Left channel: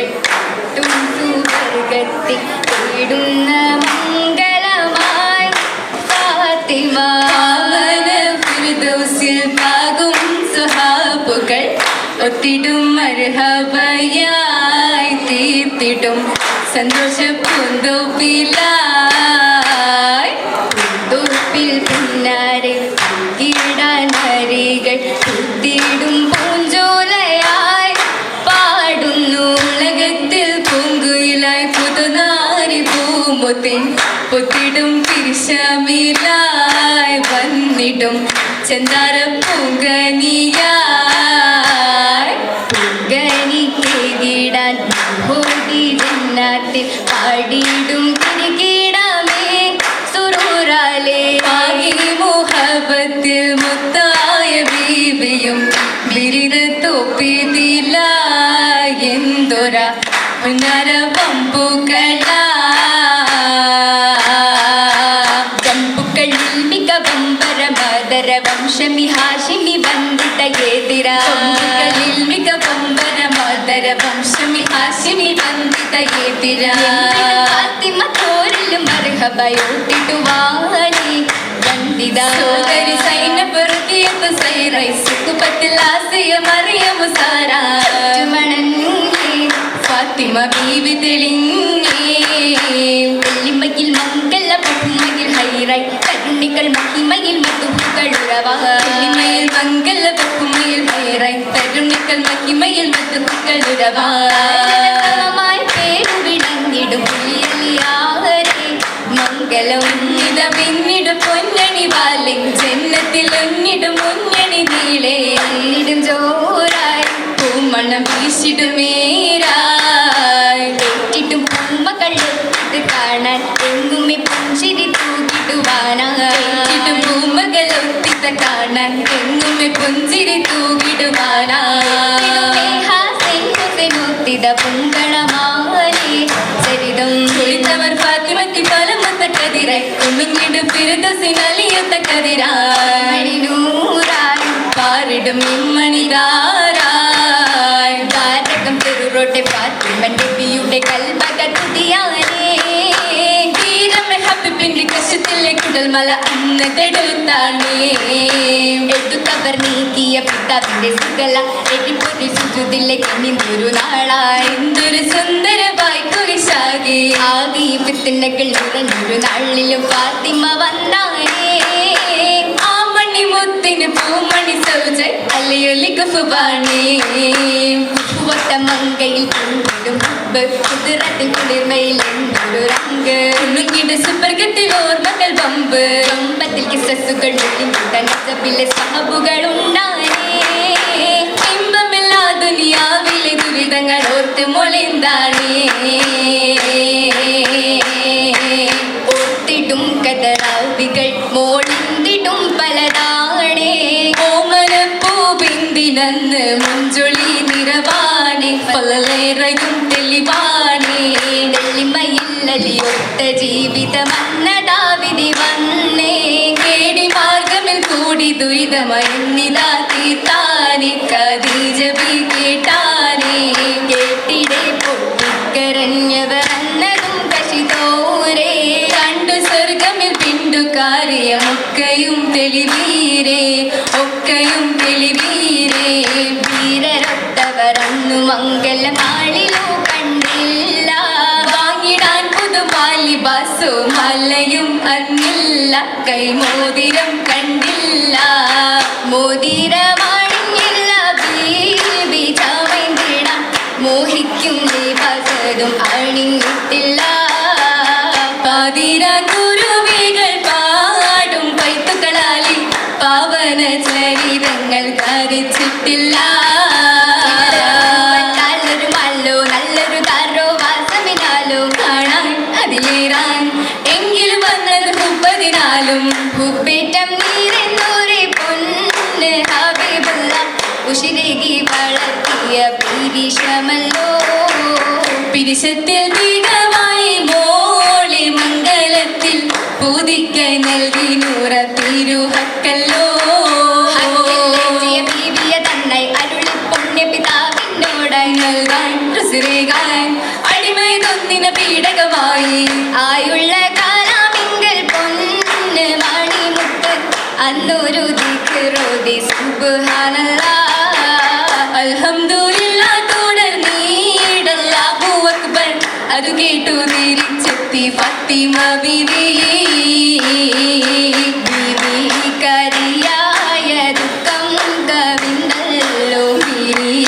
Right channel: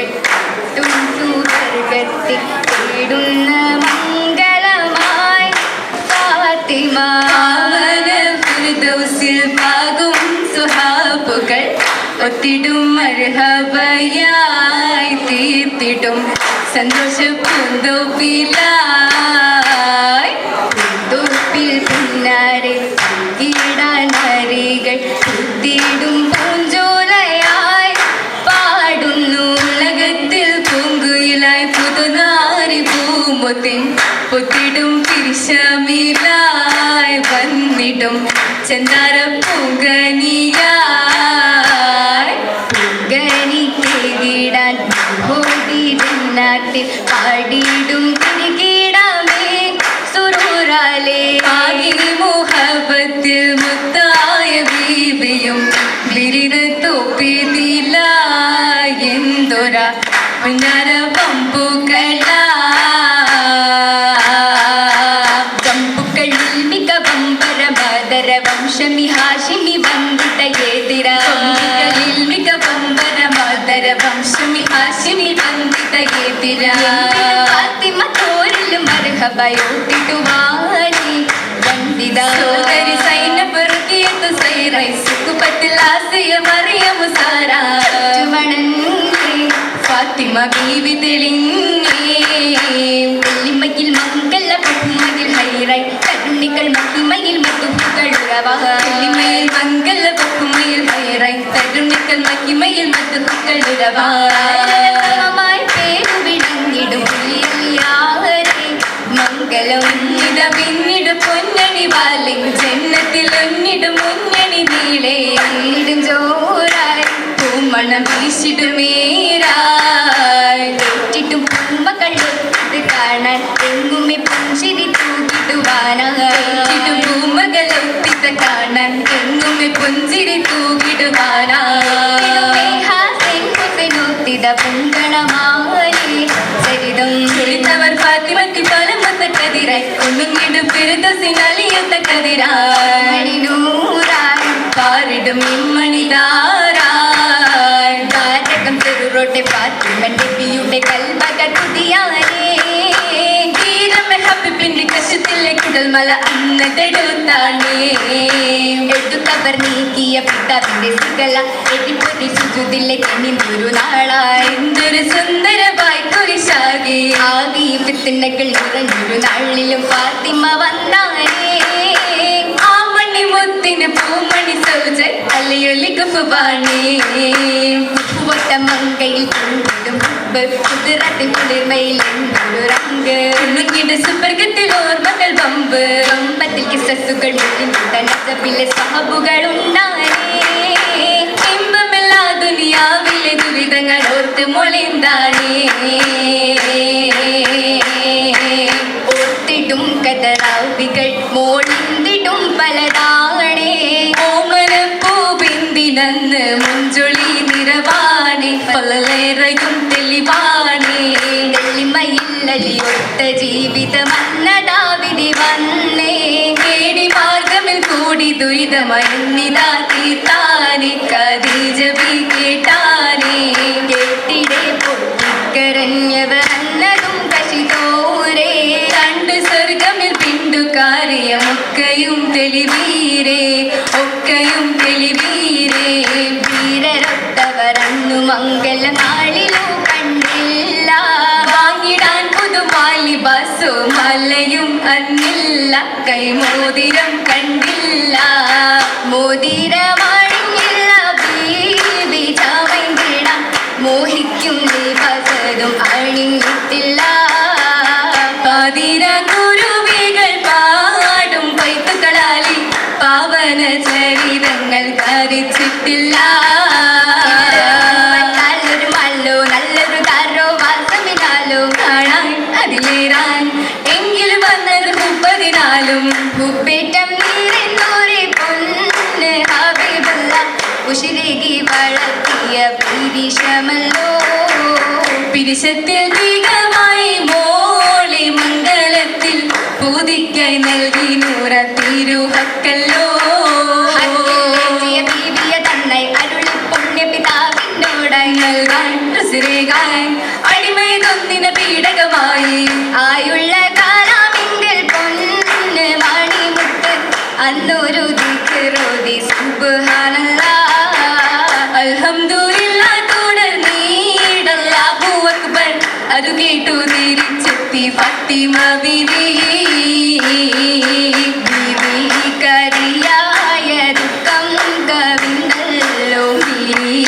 വെട്ടും സുഖത്തിടും പൂമ്പൊത്തിൻ പൊത്തിടും തിരിശമിലായി വന്നിടും ചെന്താര പൂങ്കനിയായി പൂങ്കനിക്കിടാൻ പാടിയിടും തിരികിടാമേ. സുരൂരാലേ ഹാഷിനി വന്നിട്ട ഏതിര മിക വമ്പര മാതര വംശമി ഹാഷിനി വന്നിട്ട ഏതിര ഫാത്തിമ തോരൽ മർഹബയോട്ടിടുവാരി വന്ദിത സോദരി സൈനബ് റുഖിയത്ത് സൈറൈ സുഖപത്തിൽ ആസിയ മറിയ മുസാരി മനസ്സുകള എകിപ്പൊട്ടിച്ചു കുതിലെ കണ്ണി മുരുനാളായിന്തൊരു സുന്ദര വായ്പൊഴിശാകി ആകെ പിത്തിന്റെ കിളികൾ മുരുനാളിലും ഫാത്തിമ വന്നായേ ആ മണി മുത്തിന് പൂമണി സൗജ അലിയൊലി കുഫുബാണേ ഒട്ട മങ്കയിൽ കൊണ്ടിടും കുതിരത്തിൽ കുളിർമയിൽ എന്തൊരു റങ്ക് സുവർഗത്തിൽ ഓർമ്മകൾ പമ്പ് അമ്പത്തിൽ കിസസുകൾ സഹബുകളുണ്ട്. മയങ്ങിതാ യഹൂദിക്കായി നൽകി നൂറ തിരുഹക്കല്ലോ അടിമയൊന്നിന് പീഡകമായി. ആയുള്ള കാലാമെങ്കിൽ പൊന്ന് Please.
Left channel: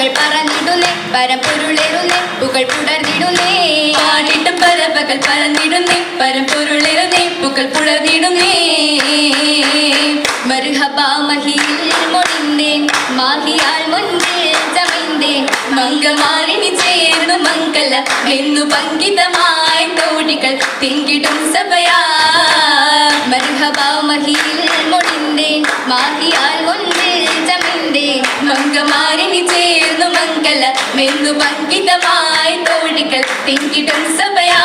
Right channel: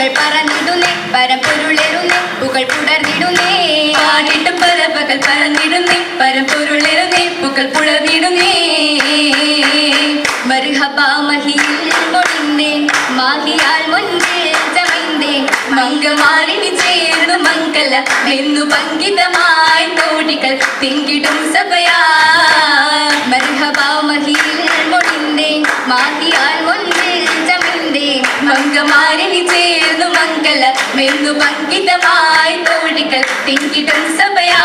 മകൾ പറന്നിടുന്നേ പരമ്പൊരുളരുന്നേ പുകൾ പുടർന്നിടുന്നേ. പാടിട്ടും പരമ്പകൾ പറന്നിടുന്നേ പരമ്പൊരുളരുന്നേ പുകൾ പുടർന്നിടുന്നേ. മർഹബാ മഹിയിൽ മൊഴിന്നേ മാഹിയാൽ മുൻപിൽ ചമിന്തേ മങ്കമാറിനി ചേർന്നു മംഗല എന്നു പങ്കിതമായി തോടികൾ തിൻ திங்கிடம் சபையா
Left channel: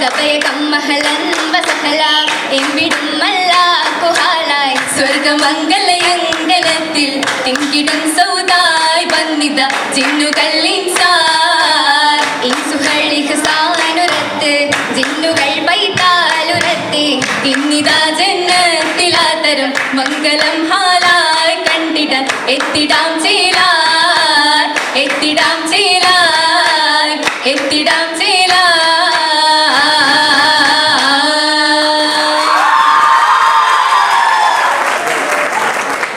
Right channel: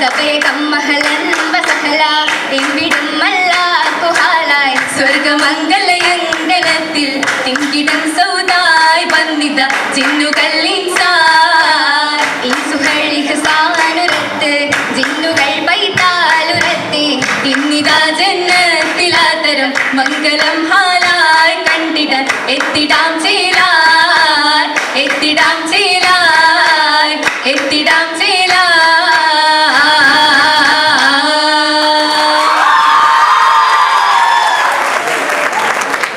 கபயகம் மகளன் வசகலா எம்பிடம் மல்லா குஹாலாய் சொர்க்க மங்கள யங்கனத்தில் திங்கிடம் சவுதாய் வந்தித சின்னுகள் இன்சார் இன்சுகள் இகசானுரத்து ജിന്നുകൾ പൈത്താലുരത്തി ഇന്നിതാ ജന്നത്തിലാതരം മംഗളം ഹാലായി കണ്ടിട എത്തിടാം ചേലാ എത്തിടാം